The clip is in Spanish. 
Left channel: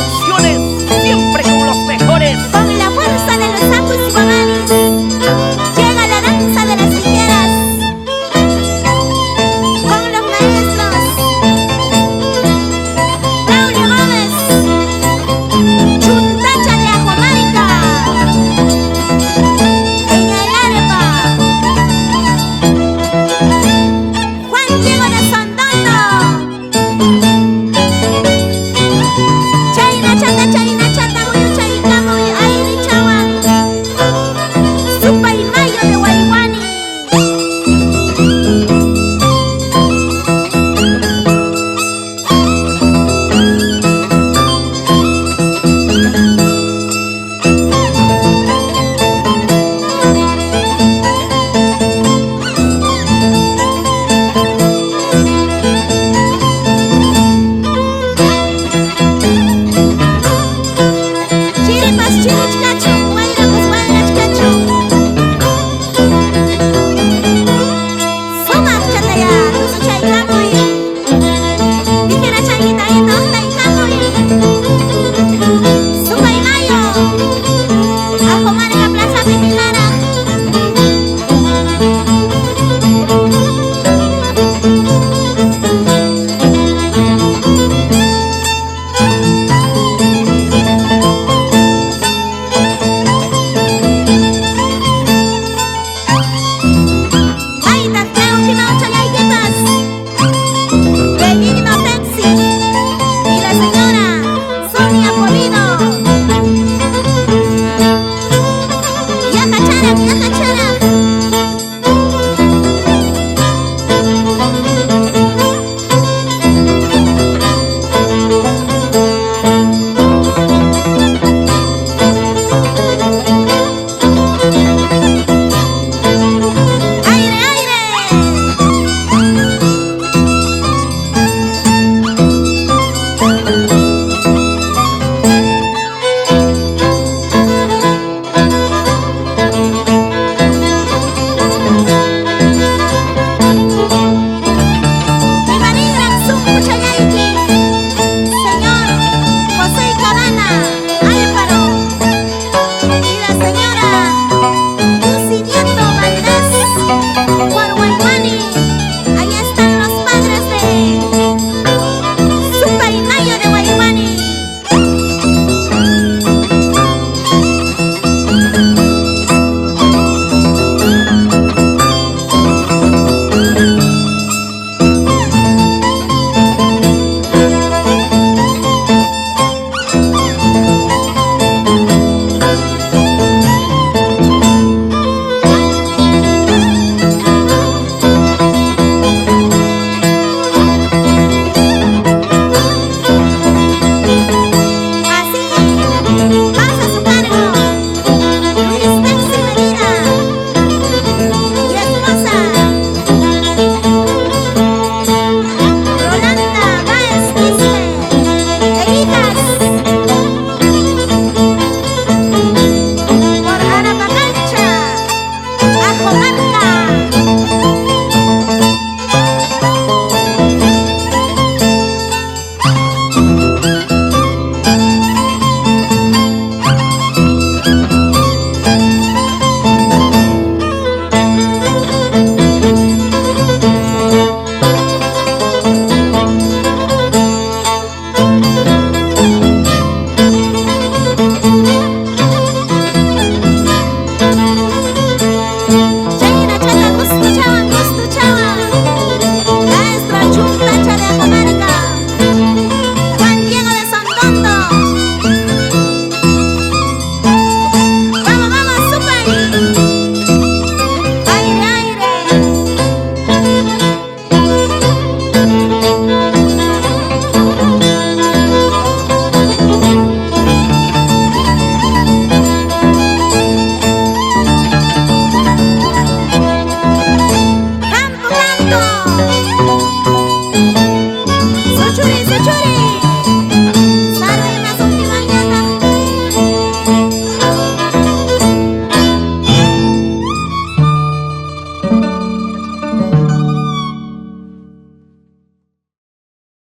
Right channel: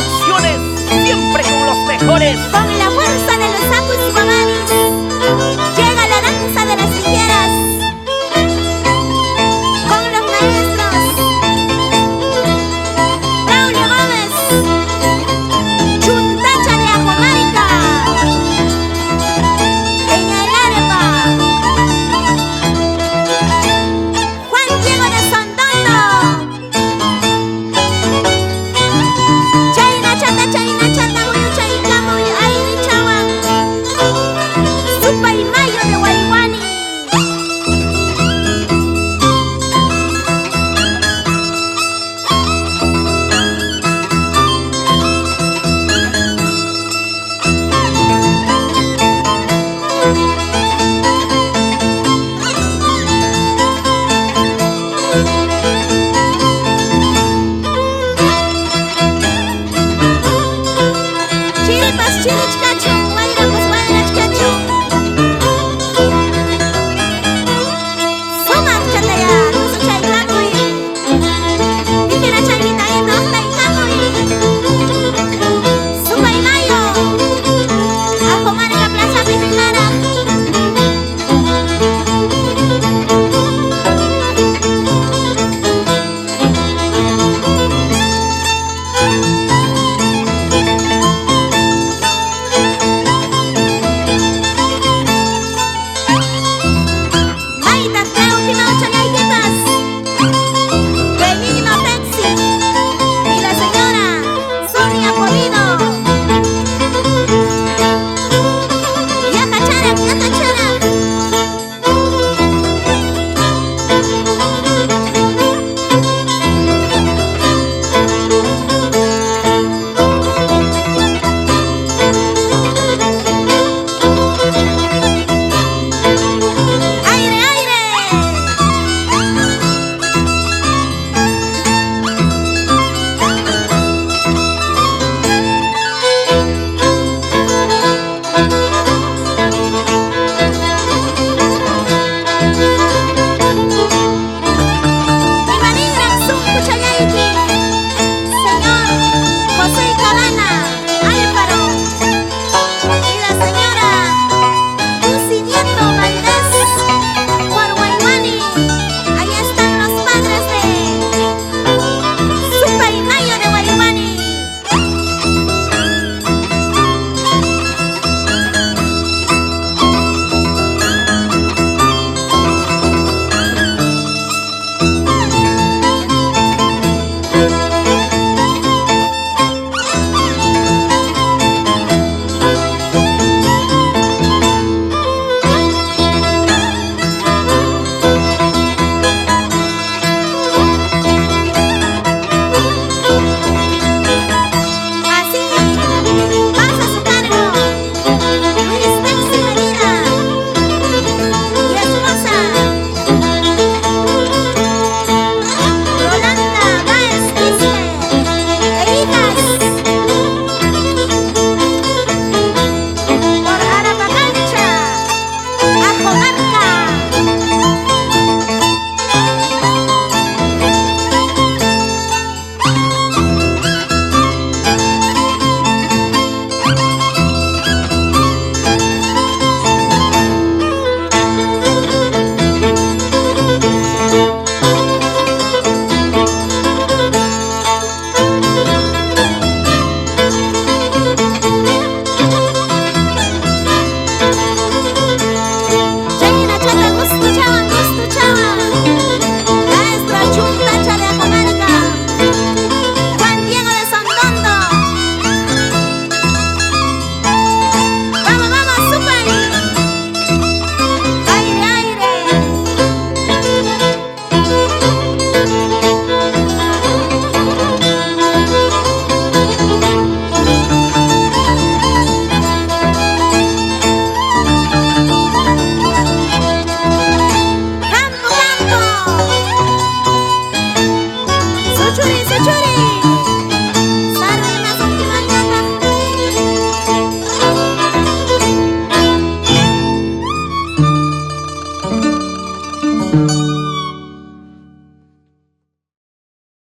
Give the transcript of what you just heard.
Producciones, siempre con los mejores. Con la fuerza de los Apus Guamanis, llega la danza de las tijeras. Con los maestros Braulio Gómez, Chuntacha de Ajomarca, en el arepa, Juan Diego de Sondondo. Chaina chata, muy chaita, muy airi chawan. Supa y mayo de Guayguani. Chiripas, chirichcacho, guairapas, guairachcacho. Sumak chataya, lusu chaykamuy. Tijera changuita y nostaykamuy. Supa y mayo, Ajomarca Plaza Pijara. Maitas, creo que no chalayquitas. Benigno Texi y la señora Sonia Polido. Yaja charak, yaja charak. Aire, aire. Imanigran Zuncu Chalayqui, señor José Cabana Álvaro y la señora Lucy Nieto Valdés por Guaymani. Ahí están los padres de Supa y Mayo de Guaymani. Así pasa su cargo Luis Texi Medina y esposa Rolanda Báez Quispe e hijas por Arapacancha, Ajomarca. Chaina chata, gusto chawan, gusto chawan. Maestro Chuntacha de Ajomarca, Juan Diego de Sondondo. Vamos, vamos, Supay. Aire, aire. Campo, campo. Suchuri, suchuri.